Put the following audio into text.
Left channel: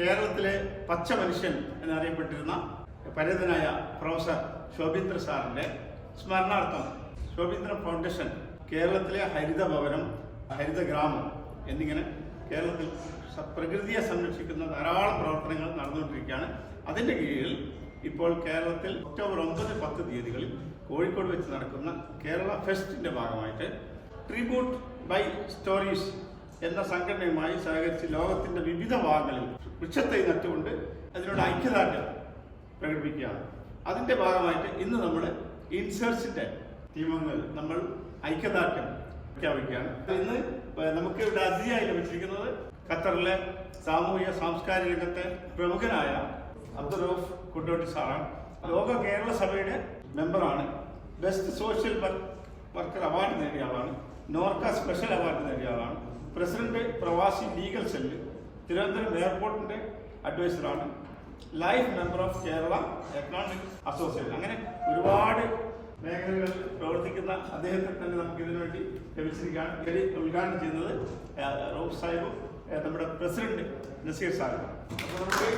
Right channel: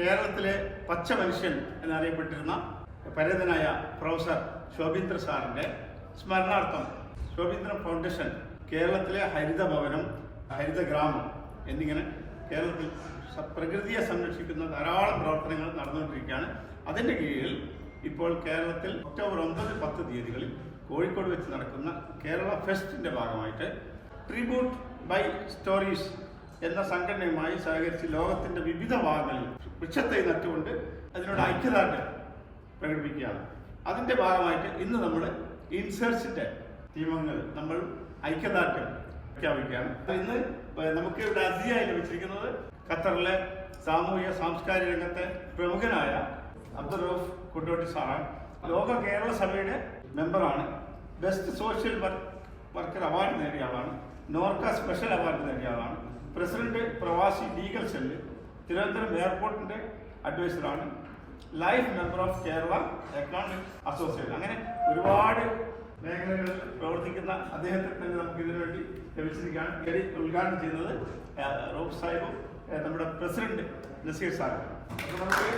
കേരളത്തിലെ പച്ച മനുഷ്യൻ എന്നറിയപ്പെട്ടിരുന്ന പരേതനായ പ്രൊഫസർ ശോഭീന്ദ്ര സാറിന്റെ സ്മരണാർത്ഥം ശോഭീന്ദ്ര ഫൗണ്ടേഷൻ കേരളത്തിലെ ഹരിത ഭവനം ഹരിത ഗ്രാമം എന്നിങ്ങനെ കേരളത്തിൽ പ്രകൃതിയെ സംരക്ഷിക്കുന്ന ധാരാളം പ്രവർത്തനങ്ങൾ നടന്നുകൊണ്ടിരിക്കുകയാണ്. അതിന്റെ കീഴിൽ ഇപ്പോൾ കേരളത്തിൽ ഒക്ടോബർ ഒമ്പത് പത്ത് തീയതികളിൽ കോഴിക്കോട് വെച്ച് നടക്കുന്ന കേരള ഫെസ്റ്റിന്റെ ഭാഗമായിട്ട് ട്രിബ്യൂട്ട് ബൈ സ്റ്റോറീസ് എന്ന സംഘടനയുമായി സഹകരിച്ച് ലോകത്തിന്റെ വിവിധ ഭാഗങ്ങളിൽ വൃക്ഷത്തെ നട്ടുകൊണ്ട് അതിനോട് ഐക്യദാർഢ്യം പ്രകടിപ്പിക്കുകയാണ്. അതിന്റെ ഭാഗമായിട്ട് ഇന്ന് നമ്മൾ ഇൻസേർച്ചിന്റെ നിയമങ്ങൾ നമ്മൾ ഐക്യദാർഢ്യം പ്രഖ്യാപിക്കുകയാണ്. ഇന്ന് നമുക്ക് ഇവിടെ അതിഥിയായി ലഭിച്ചിരിക്കുന്നത് ഖത്തറിലെ സാമൂഹിക സാംസ്കാരിക രംഗത്തെ പ്രമുഖനായ അബ്ദുൾ റൌഫ് കുട്ടോട്ടി സാറാണ്. ലോക കേരള സഭയുടെ മെമ്പറാണ്. Best social work worker award നേടിയ ആളാണ്. നോർക്ക സ്പെഷ്യൽ അവാർഡ് നേടിയ ആളാണ്. President Pravasi legal cell Thiruvananthapuram എയർപോർട്ടിന്റെ അഡ്വൈസറാണ്. Life member of Kerala economic association. അങ്ങനെ ഒരുപാട് മേഖലകളിൽ പ്രവർത്തിക്കുന്ന അദ്ദേഹത്തെ തന്നെ നമുക്ക് ഇതിനു വേണ്ടി ലഭിച്ചിരിക്കുകയാണ്. ഇതിൽ ഉദ്ഘാടനം ചെയ്യുന്നത് റോബ് സാഹിബും നമ്മുടെ പ്രസിഡന്റ് നസീർ സാഹിബാണ് അപ്പോൾ നമുക്ക്